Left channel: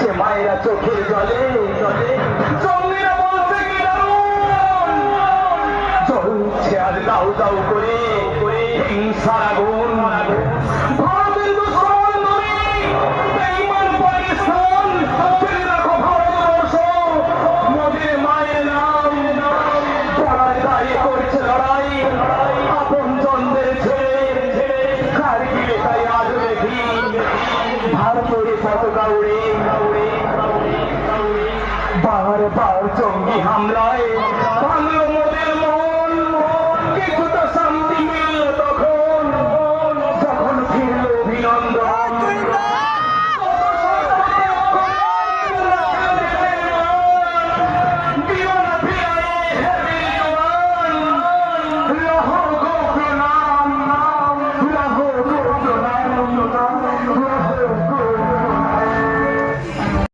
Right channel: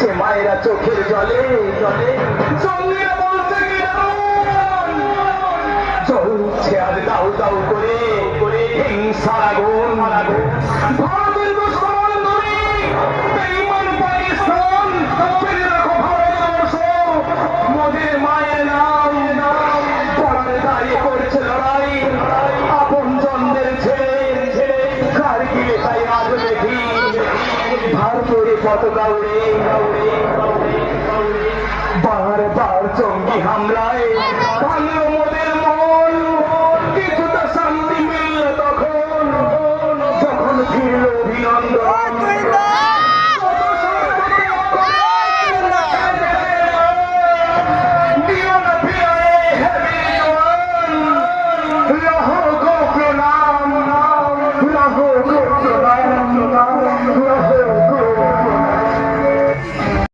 সে মায়েরা চোখের জলে জলে জঙ্গিরা বলতে চলছে আজ দাউ দাউ করে হিংসার আগুন ভারতের মুসলমান নবী বেঈমান পাকিস্তান জেনে রাখো ভারতবর্ষ মোদের মায়ের নাম পড়ার দাঁড়িয়ে করছে লড়াই আপন জনদের ছেড়ে কারগিলে তাই আজ দেখি ভারতের পতাকা উড়ে বারবার জঙ্গি হামলা